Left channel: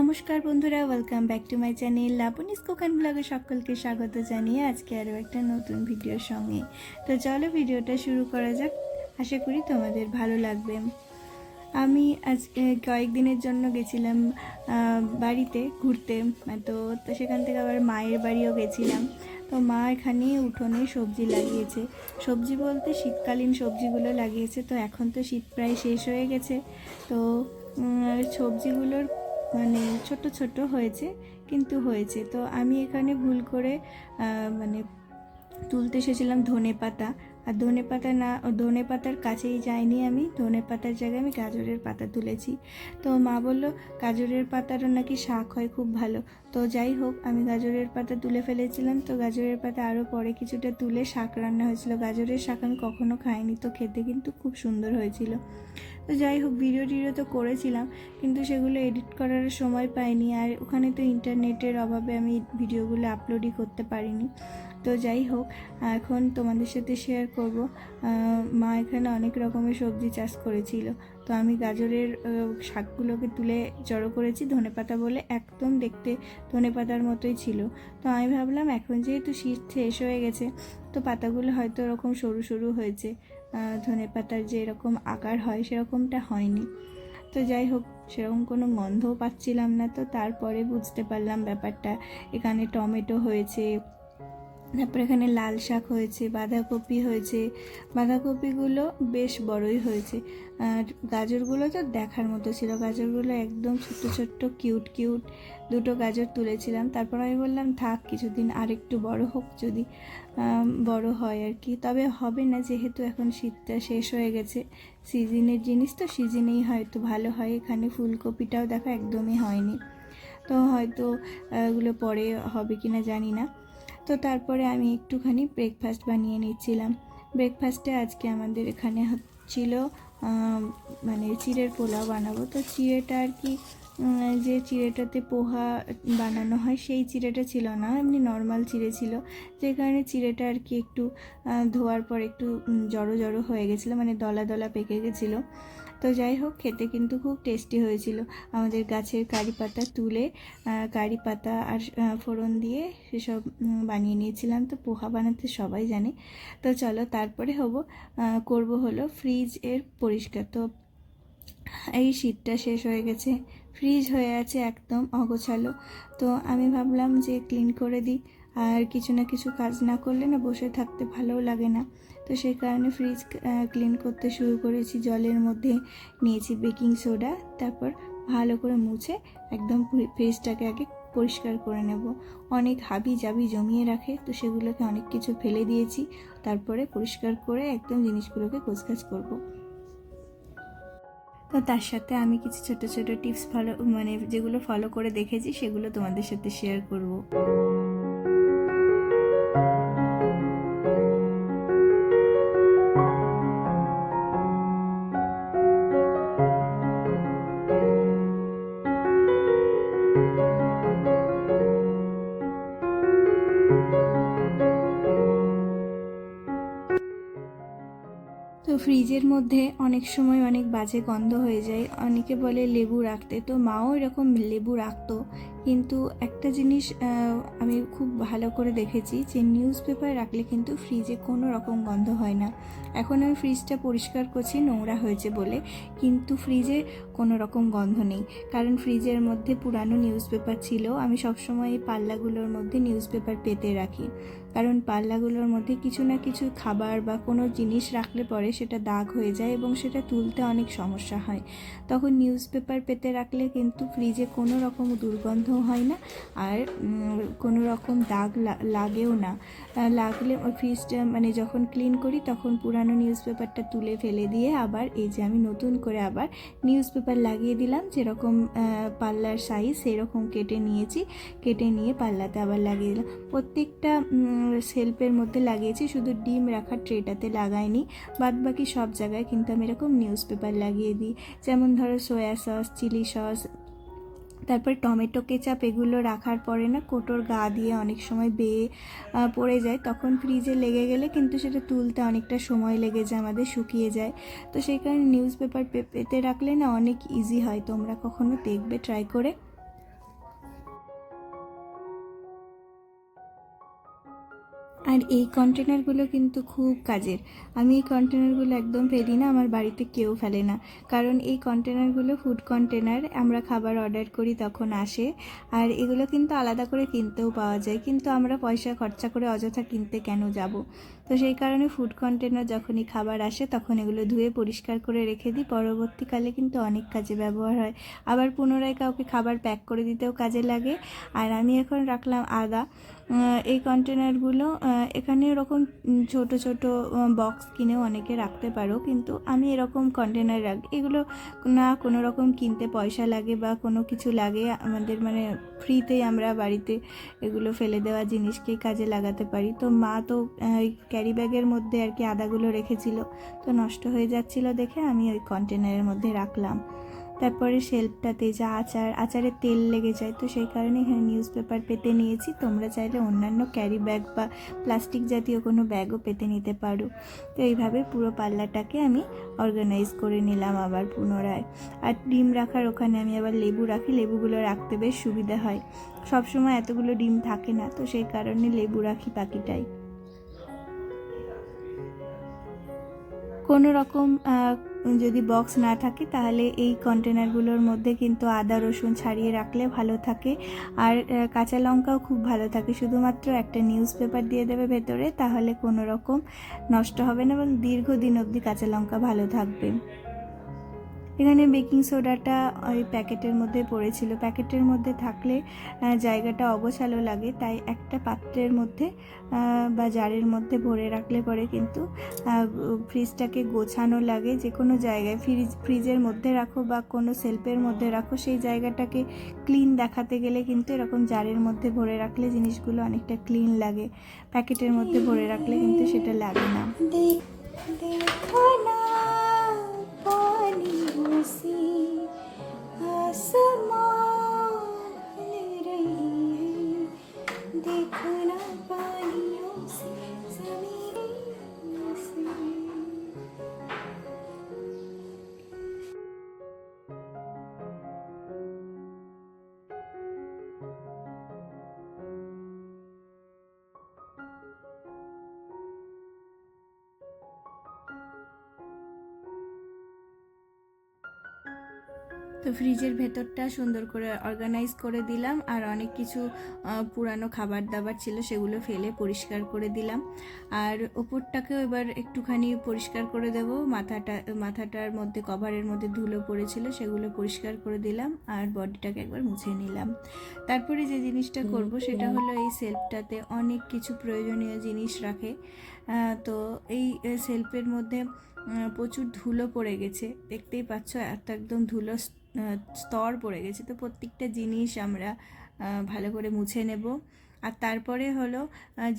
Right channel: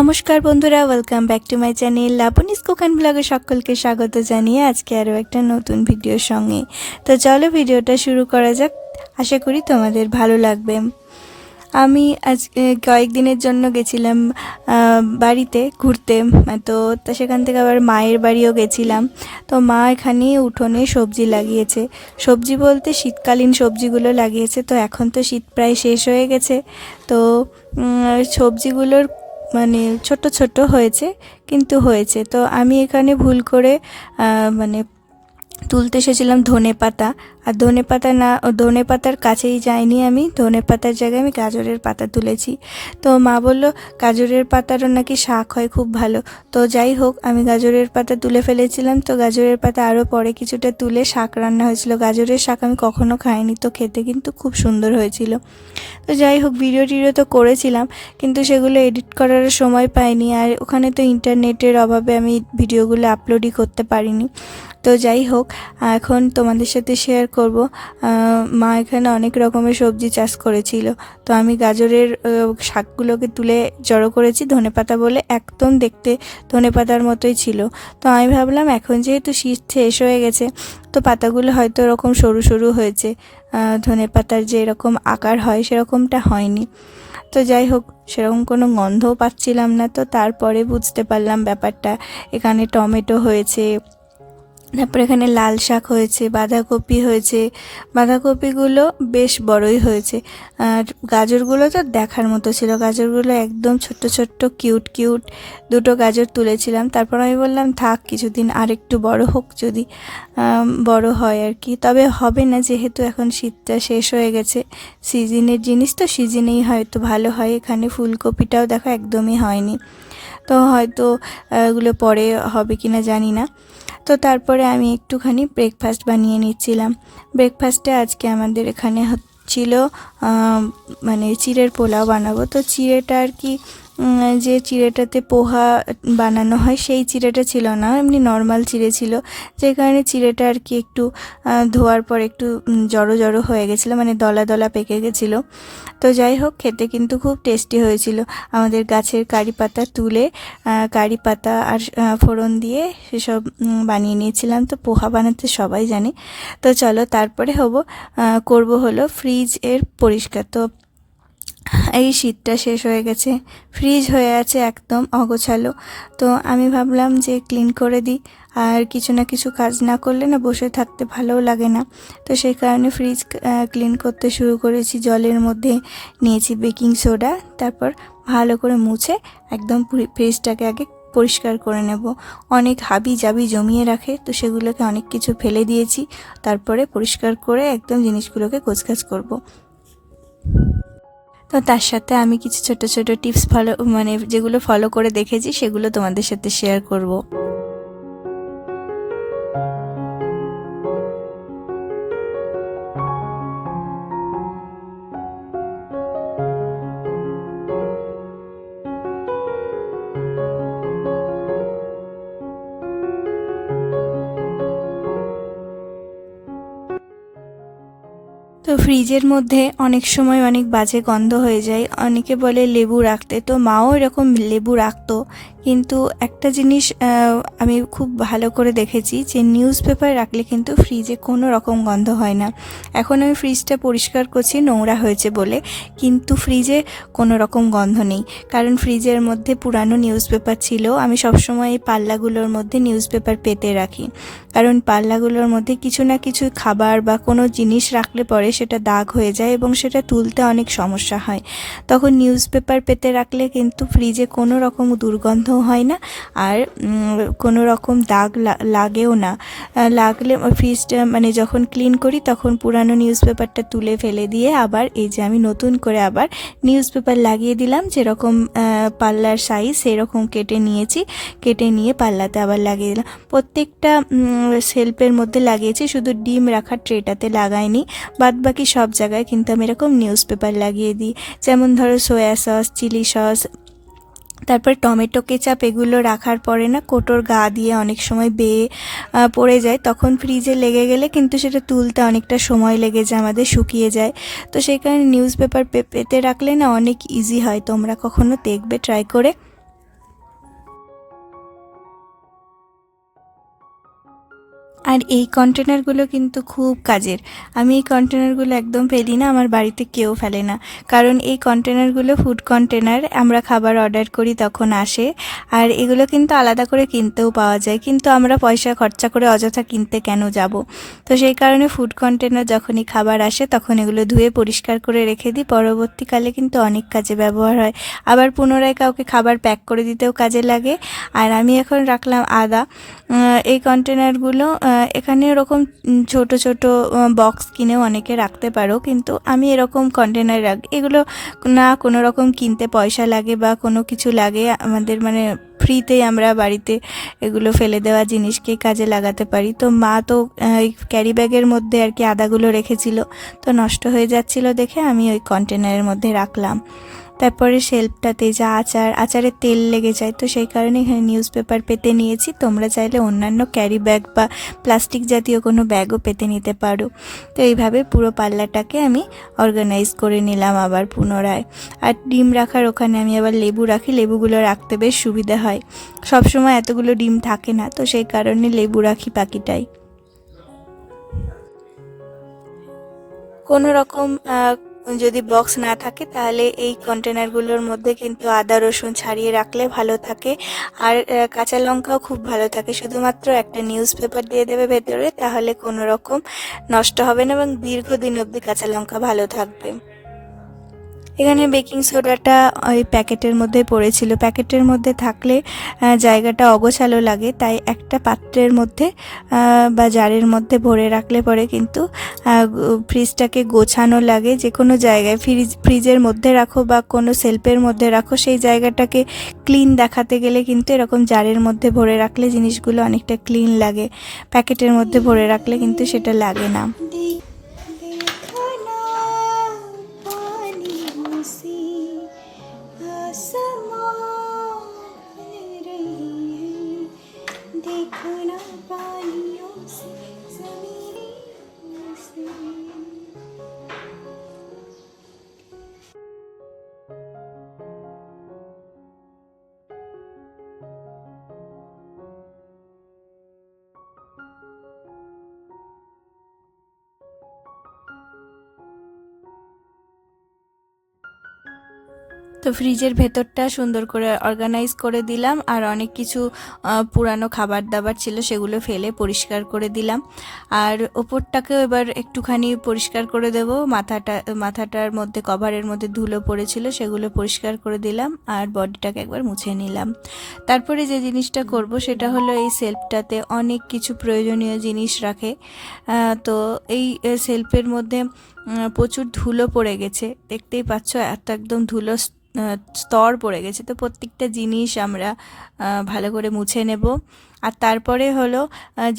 নমস্কার বন্ধুরা, welcome back to my channel Labani's cook and ব্লগে সকলকে স্বাগত জানিয়ে আজকে আরও একটা নতুন ভিডিওর সঙ্গে। তো চলো ভিডিওটা শুরু করা যাক। আশা করি তোমাদের ভালো লাগবে। আমি আজ কয়েকদিনের জন্য গেছিলাম বাড়িতে ঘুরতে, তো সেখান থেকে আবার মায়ের বাড়িও গেছিলাম। তো মা এখানে উঠোনে সবজি লাগিয়েছে, সবজি বলতে শীতকালীন সবজিগুলো লাগিয়েছে। তো এখন তো শীত প্রায় শেষ হয়ে গেছে, তো সবজিগুলোর মানে ছোট ছোট হয়েছে, কিন্তু হয়েছে। তো আমি এখানে ভুল করে মানে তুলতে এসেছিলাম ধনেপাতা, আর ধনেপাতার কাছেই যাইনি আমি, ধনেপাতার জায়গায় আমি গাজরের পাতা তুলেছি। তো মা বলল গাজরের পাতারও নাকি শাক হয় খুব ভালো। তো যাই হোক, আমি গাজরের পাতা তুলে ফেলেছিলাম। তো গাজরের পাতা আরও পরে কিছুটা তুলে শাক রান্না হয়েছিল। গাজরের শাক আমি কখনো খাইনি, তো খেতে কিন্তু খুব সুন্দর হয়েছিল। তো যাই হোক, ভিডিও তো করেছিলাম, কিন্তু সেগুলো এডিট করার সময় পাইনি, আর ওখানে তো ইন্টারনেটের অভাবে আমি ভিডিওগুলো আপলোডই করতে পারিনি। তো যাই হোক, এখন তোমাদের সাথে শেয়ার করব। মা এখানে অনেক রকমের সবজি চাষ করেছিল। তো আমি গাজরের শাকগুলোকে তুলে জড়ো করেছি, ধনেপাতা বলে একদম দেখতে ধনেপাতার মতোই ছিল। তো আমি ভাবলাম এখন যেহেতু শীত শেষ হয়ে গেছে, তো পাতাগুলো হয়তো এরকম সরু সরু হয়েছে, ধনেপাতার যে এরকম আকার হয় সেরকমটা হয়নি। তো যাই হোক, সেরকম কোনো গন্ধও পাচ্ছিলাম না। তো তারপরে বুঝতে পারলাম ব্যাপারটা। এখানে টমেটো হয়েছে, তারপর এখানে লাল শাক হয়েছে, বাঁধাকপি হয়েছে। বাঁধাকপিগুলো বেশ বড়ই হয়েছে, আর গাজরগুলো তো দেখার মতো ছিল। গাজরগুলো একদম ছোট্ট ছোট্ট কিউট কিউট, দুটো গাজর তুলেছিলাম। তারপর আমি বললাম থাক, কিছুদিন আর একটু বড় হোক, যদি বড় হয় আর কি। তবে হবে না, যেহেতু এখন শীতটা শেষ হয়ে গেছে। সিজনের জিনিস তো সিজনেই হয়তো ভালো হয়। এখানে ফুলকপিটাও দেখো একদমই হয়নি, তো হয়তো এগুলো পরে হবে কিনা জানি না। তো তারপরে আমি একটুখানি ব্রেকফাস্ট বানিয়ে নিচ্ছিলাম। ব্রেকফাস্টে আজকে আমাদের এখানে হচ্ছিল মানে চিড়ের পোলাও বানাবো। তো চিড়েটা আর কি, যে চিড়েটাতে পোহা বানানো হয় সেই চিড়েটা ছিল না, এমনি নর্মাল চিড়ে ছিল। যে কারণে চিড়েটা আর কি একটু ধোয়ার পর একটু জড়ো জড়ো হয়ে গেছিলো, মানে দলা দলা পেকে গেছিলো। তো যাই হোক, খেতে কিন্তু খুব টেস্টি হয়েছিল। আমাদের গাছের কারি পাতা তুলে কারি পাতা আর ফোড়ন দিয়ে সেসব বানিয়ে নিয়েছিলাম। তো পোহা বানাতে সবাই জানে। তো চলো তারপরে করব হলো ফ্রিজের পরিষ্কার। তো এই শীতটা শেষ হয়ে গেছে, ফ্রিজ হয়ে আছে একদম অগোছালো। তো আমি ভাবলাম যে ক্লিন করে দিই, আর কিছু না কিছু কাজ না করলে না বসে থাকতে ভালোও লাগে না। তো সেই কারণে ফ্রিজ ক্লিন করতে শুরু করেছি। জলের মধ্যে নিয়েছি বেকিং সোডা, তারপর ভালো করে মুছে একদম ফ্রিজটাকে আগে পরিষ্কার করে নেব। অনেক হাবি জাবি জমিয়ে রাখে, তো সেগুলোকে অনেক কিছু ফেলে দিয়েছি। তারপরে পরিষ্কার করে একদম জিনিসগুলোকে গোছগাছ করব। তো তার সাথে আমি কিছু ছোট ছোট টিপস যেগুলো ফলো করে দেখেছি সেগুলো তোমাদের সাথে শেয়ার করব। তো ফ্রিজের মধ্যে অনেক সময় অনেক বাজে গন্ধ হয়ে যায়। অনেকে বলে লেবু রাখতে, তো মাও এরকম লেবু রাখতো। কিন্তু একটা জিনিস আমি খুব ভালো করে দেখেছি, যে নিউজ পেপার রাখলে কিন্তু ফ্রিজে কোনো রকম গন্ধ হয় না। এখন আমি ফ্রিজটা পরিষ্কার করছি নোংরা হয়েছে বলে, কিন্তু ফ্রিজে কোনো রকম গন্ধ নেই, কারণ ফ্রিজের মধ্যে পুরানো নিউজ পেপার ছিল। আমি সবসময় এই পাল্লাগুলোর মধ্যে নিউজ পেপার পেতে রাখি, কারণ পাল্লাগুলোর মধ্যে কিছু না কিছু খাবার বা কোনো জিনিস রাখলে পরে সেটা দাগ হয়ে যায় এবং সেটা তুলতে অনেক সমস্যা হয়। তখন নিউজ পেপার পেতে রাখলে কিন্তু ফ্রিজে কোনো রকম দুর্গন্ধ হয় না, আর কোনো রকম দাগ লাগেও না। লাগলে ফ্রিজটা যখন ক্লিন করি তখন পুরানো নিউজ পেপারটা তুলে ফেলে দিয়ে আবার এই যে আমি নতুন করে আবার নিউজ পেপার লাগিয়ে দিলাম। যেরকম পাল্লার সাইজ সেরকম কেটে নিয়েছি, কেটে নিয়ে পাল্লাতে আবার লাগিয়ে দিলাম। প্রত্যেকটা শেলফের মধ্যে লাগিয়েছি, শুধু ডিম রাখার ট্রেটাতে লাগাইনি। বাদবাকি সব জায়গায় কিন্তু আমি এরকম নিউজ পেপার লাগিয়ে দিই। যেমন ধরো সয়া সস, চিলি সস, তারপর টমেটো কেচাপ, এগুলো রাখার পরে না কোটোর গা দিয়ে অনেক সময় বেয়ে পড়ে যায়, তখন ফ্রিজে লেগে গেলে কিন্তু সেটা তুলতে অনেকটা সময় লেগে যায়, আমাদের শুকিয়ে যায়। তো সেই কারণে নিউজ পেপার পেতে রাখলে না অনেক ইজি হয়। তোমরা কখনো দেখবে ট্রাই করে। আর এই কন্টেনারগুলো কিন্তু খুব কাজের। আমি এই কন্টেনারগুলো একদম ফেলি না, আমার বাড়িতে কেউ ফেলে না, কারণ এই কন্টেনারগুলো ফুড কন্টেনার, আমরা খাবার অর্ডার করি তখন আসে। আর এগুলো কিন্তু আলাদা করে কিনতেও পাওয়া যায়, কিন্তু আমরা পয়সা খরচা করে অযথা কিনতে কেন যাব। তো সেই কারণে ফুড কন্টেনার যখনই খাবার আসে তখন এগুলো ধুয়ে পরিষ্কার করে রেখে দিই, পরবর্তীকালে কিন্তু অনেক কাজে ব্যবহার হয়। আবার পুনরায় কাউকে খাবার প্যাক করে দিতেও কাজে লাগে। আর আমি এখন রাখলাম আদা। এই কন্টেনারগুলো এখানে এরকম ছোট ছোট বক্স কিনেও অনেকে রাখতে পারো, কিন্তু আমি এরকম কন্টেনার রাখি। এগুলো না কোনো রকম কিনতে পয়সা লাগে বা কোনো কিছু লাগে, আমাদের মানে ফ্রিতেই আমরা বাড়িতে এগুলো ফেলে দেওয়া জিনিসকে কাজে লাগাতে পারি। তো মা তো এই ক্যারি ব্যাগের মধ্যে আর কি আদাগুলো রেখেছিল, তো নষ্ট হয়ে যাচ্ছিল দেখে আমি ওই কন্টেনারের মধ্যে রাখলাম। তারপরে শেলফটাতে যা আচারের তেল লেগে যায়, তো সেই কারণে এখানে নিউজ পেপার পেতে নিয়েছি। তোমরা চাইলে অন্যান্য ক্যারি ব্যাগ বা প্লাস্টিক জাতীয় কোনো ব্যাগও পেতে নিতে পারো। তো এইভাবে পুরো পাল্লাটাকে আমি অর্গানাইজ করে নিলাম আবার পুনরায়। আর ডিম রাখার ওখানে আমি আবার লেবু রাখি, লেবুগুলো রাখতে বেশ সুবিধা হয়। সবসময় এতগুলো ডিম থাকে না, তো সেই কারণে লেবু রাখি বাকিটাই। কোনো রকম যদি বক্স না থাকে তাহলে এই কন্টেনারগুলোর মধ্যে কিন্তু আদা রসুন ছাড়িয়ে রাখলে ভালো থাকে। আর কাঁচা লঙ্কাও খুব ভালো থাকে। শুধুমাত্র একটা নিউজ পেপার দিয়ে দেবে ভেতরে, তাহলে কোনো রকম নষ্ট হবে না এবং দীর্ঘদিন অবধি কাঁচা লঙ্কা ভালো থাকবে। এখানে বেকিং সোডাটা ওই প্যাকেটের মধ্যে পড়েছিল, প্যাকেটের মধ্যে থাকলে জায়গাটা অগোছালো লাগে, তাই একটা পাত্রের মধ্যে বা জারের মধ্যে ভরে রাখলে পরে কিন্তু ফ্রিজটাকে গোছানো লাগে। যে কোনো জায়গায় ফ্রিজের মধ্যে রাখো বা কোনো সেলফের মধ্যে রাখো, সেই জায়গাটাকে ক্লিন দেখাতে গেলে কিন্তু এরকম জারের মধ্যে ভরে রাখলে জিনিসগুলো অনেকটা ক্লিন লাগে। প্যাকেটের মধ্যে ভরে রাখলে কিন্তু সেটা লাগে না। देखना पानियों से ज़मीने से। তো ফ্রিজের ভেতরটা সুন্দর করে অর্গানাইজ করে দিলাম। আর অনেক কিছু পুরানো খাবার দাবার ছিল, সেগুলো ফেলে পরিষ্কার করে দিলাম। আর ওপরটাকেও এবার একটুখানি পরিষ্কার করে দেব। মাথাটার মধ্যে কভারের মধ্যে ধুলো পড়েছিল, সেগুলো পরিষ্কার করে দিলাম। আর বডিটাকে একবার মুছে নিলাম। তারপরে যে জিনিসটা করব সেটা হলো, এই সেলফটাতে অনেক কিছু প্রয়োজনীয় জিনিস রাখে। তো এই সেলফের মধ্যে প্রচুর ধুলো পড়ে গেছে, দেখতেই পাচ্ছ, এত একদম ধুলো স্তর পড়ে গেছে। তো প্রত্যেকটা জিনিস আমরা ভালো করে মুছে নেব। আর তারপরে হলো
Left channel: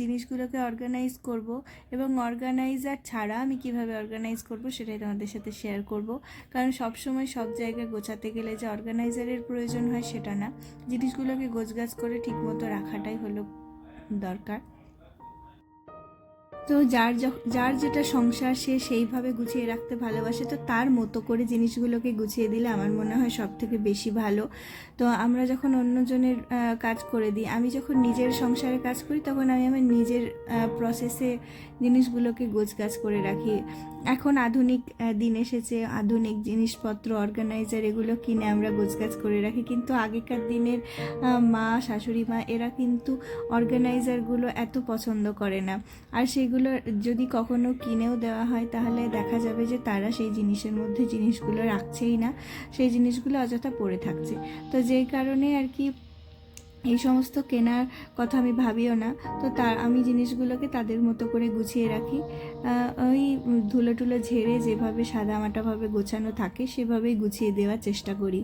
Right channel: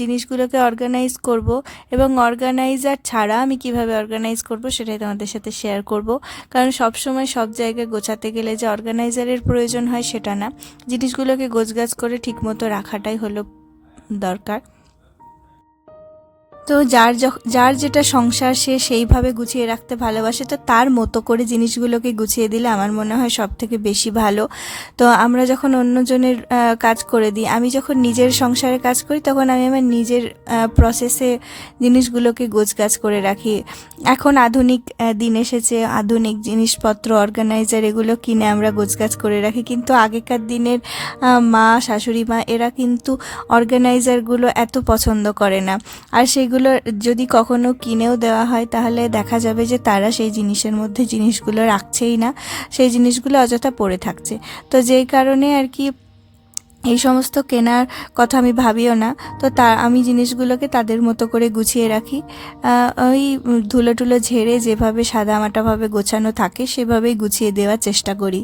জিনিসগুলোকে অর্গানাইজ করব, এবং অর্গানাইজার ছাড়া আমি কিভাবে অর্গানাইজ করব সেটাই তোমাদের সাথে শেয়ার করব। কারণ সব সময় সব জায়গায় গোছাতে গেলে যে অর্গানাইজারের প্রয়োজন হয় সেটা না, জিনিসগুলোকে গোছগাছ করে ঠিকমতো রাখাটাই হলো দরকার। তো যার যেটা সংসার সে সেইভাবে গুছিয়ে রাখতে ভালোবাসে, তো তার মতো করে জিনিসগুলোকে গুছিয়ে দিলে আমার মনে হয় সব থেকে বেশি ভালো। তো আমরা যখন অন্যজনের কাজ করে দিই, আমি যখন নিজের সংসারে কাজ করি তখন আমি আমার নিজের প্রসেসে জিনিসগুলোকে গোছগাছ করে রাখি। এখন আধুনিক দিন এসেছে, আধুনিক জিনিসপত্র অর্গানাইজার এগুলো কিনে আমরা গোছগাছ করে রাখি, কিন্তু আগেকার দিনের মা, শাশুড়ি মা এরা কিন্তু অর্গানাইজারগুলো এত পছন্দ করে না। আর সেগুলো যদি কখনো কিনেও দেওয়া হয় তাহলে দেখা যাবে যে তারা সেই জিনিসের মধ্যে জিনিসগুলো রাখছেই না, সেই জিনিসগুলো অযথা পড়ে থাকছে। তো যেই কারণে আর কি এই সমস্ত কেনার কথা আমি ভাবিও না। তো আমি জিনিসগুলোকে তাদের মতো করে গুছিয়ে রাখি। ওই ধুলো টুলো ঝেড়ে যেভাবে সাদামাটাভাবে গোছানো থাকে সেভাবেই গুছিয়ে দেওয়ার চেষ্টা করি।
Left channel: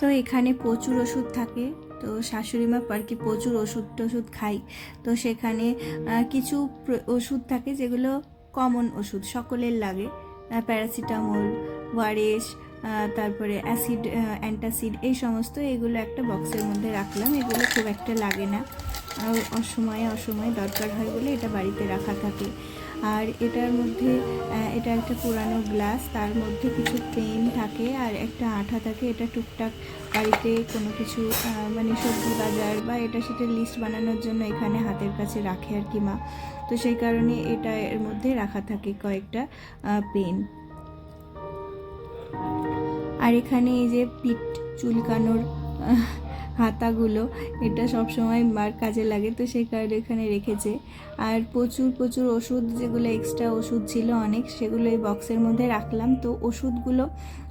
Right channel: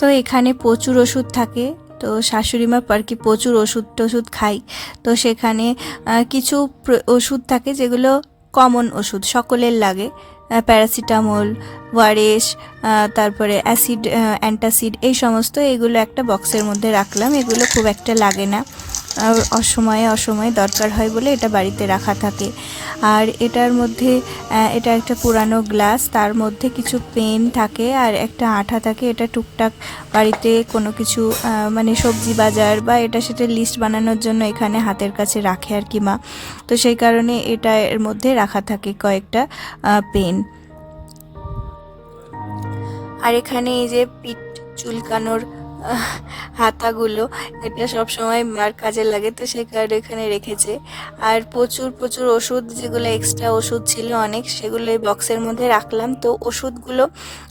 তো এখানে প্রচুর ওষুধ থাকে, তো শাশুড়ি মা আর কি প্রচুর ওষুধ খাই। তো সেখানে কিছু ওষুধ থাকে যেগুলো কমন ওষুধ সকলের লাগে, প্যারাসিটামল, ওআরএস, তারপরে অ্যাসিড, অ্যান্টাসিড, এই সমস্ত এগুলো একটা বক্সের মধ্যে রাখলাম। এগুলো খুব একটা লাগে না, অসময়ে দরকার হয় বলে এটা বাড়িতে রাখা থাকে। আর এটার মধ্যে এটা একটা পুরানো গ্লাস, তার মধ্যে কিছু পেন থাকে আর একটা আঠা থাকে। এটা টুকটাক বাড়িতে কোনো কিছু মানে সবজি বাজার বা এটা সেটা লিস্ট বানানোর জন্য এখানে হাতের কাছে রাখে আর কি মা। তো সেই কারণে এটা এর মধ্যে রাখা থাকে কয়েকটা পেন। আর এখানে এই যে পিঠ চুলকানোর হাতাগুলো, এটা সব সময় মার কাজে লাগে, তো সেই কারণে এখানে রেখেছে। আর প্রচুর প্রচুর ওষুধ, যেগুলো এক্সট্রা ওষুধ ছিল অনেক, সেগুলো এই বক্সের মধ্যে রাখলাম। তো ওষুধগুলো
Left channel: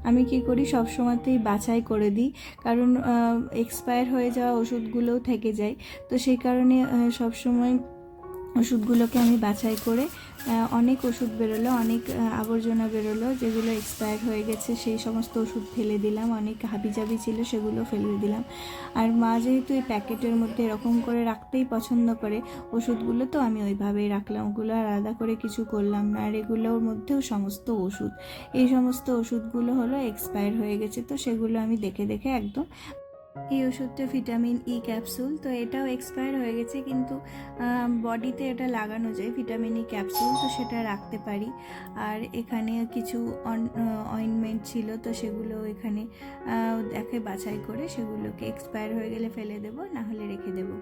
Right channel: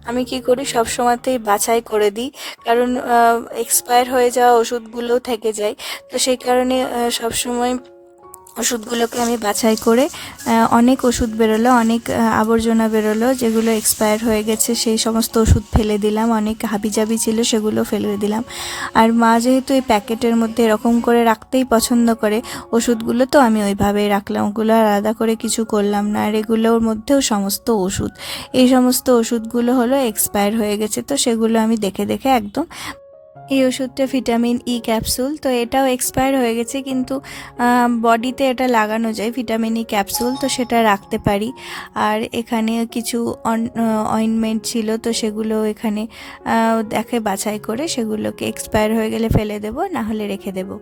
আমি কি করি, সব সময়তেই বাছাই করে দিই, কারণ এক্সপায়ার হয়ে যাওয়া ওষুধগুলো থেকে যায়। তো সেই কারণে সব সময় ওষুধগুলোকে আমি বাছাই করে, অনেক ওষুধ বেরোলো, অনেক আবর্জনা বেরোলো, যেগুলো এক্সপায়ার হয়ে গেছে সেই সমস্ত ওষুধ ফেলে দিলাম। অনেক হাবিজাবি ছিল, সেগুলো ফেলে দিলাম। আর মা যেহেতু এই প্যাকেটের মধ্যে এরকম করে রাখতেই পছন্দ করে ওষুধগুলো, তো আমি ওইভাবেই রাখলাম, ওগুলো আলাদা করে কিছু করলাম না। আর এগুলোর মধ্যেও সমস্ত ওষুধ, এই সমস্ত ওষুধগুলো হলো এক্সপায়ার হয়ে গেছে, তো সেগুলো আমি দেখে দেখে একদম। এই ওষুধটা ভিটামিন ই ক্যাপসুল, তো এটাও এক্সপায়ার হয়ে গেছে, কিন্তু বডিতে এটা লাগানো যায় ভিটামিন ই ক্যাপসুল, তো সেটা রাখতে পারি। আর এখানে কিছু অয়েনমেন্ট ছিল, তো সেগুলো এখানে দেখে বাছাই করে সেগুলোকে এক্সপায়ার হয়ে গেলে ফেলে দেবো, না হলে রেখে দেবো।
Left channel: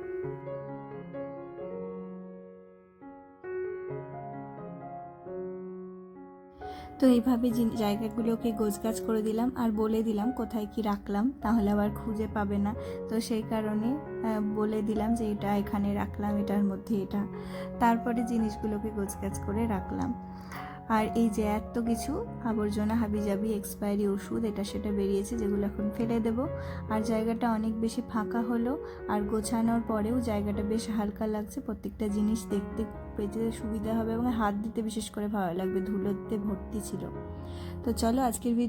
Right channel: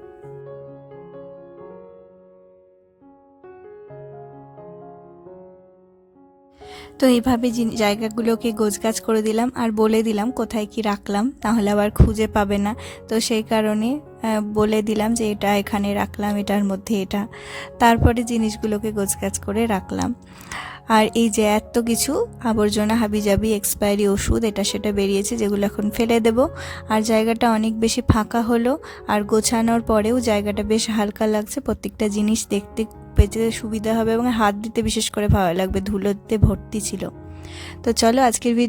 তো এইভাবে জায়গাগুলোকে গোছগাছ করে দিলাম আর বলে দিলাম কোথায় কি রাখলাম, তাহলে আবার খুঁজে পাবে না। তো সেই কারণে বলে দিলাম যে এটা এখানে রাখলাম, এটার মধ্যে এটা। তারপরে জিনিসগুলোকে গোছগাছ করে রাখলাম। আর এই যে এত কিছু আবর্জনা হাবিজাবি এক্সপায়ারি ওষুধ এটা সেটা বেরিয়েছে, যেগুলো এখন ফেলে দেব। আর জায়গাটা অনেক বেশি ফাঁকা হলো, আর গোছানোর পরেও জায়গাটা বেশ হালকা লাগছে। প্রত্যেকটা জিনিস দেখতে পেতে সুবিধা হবে এবং হাত দিতে বিশেষ করে ভালো লাগবে, ধুলোতে ভর্তি ছিল। তো চলো আজকের ভিডিও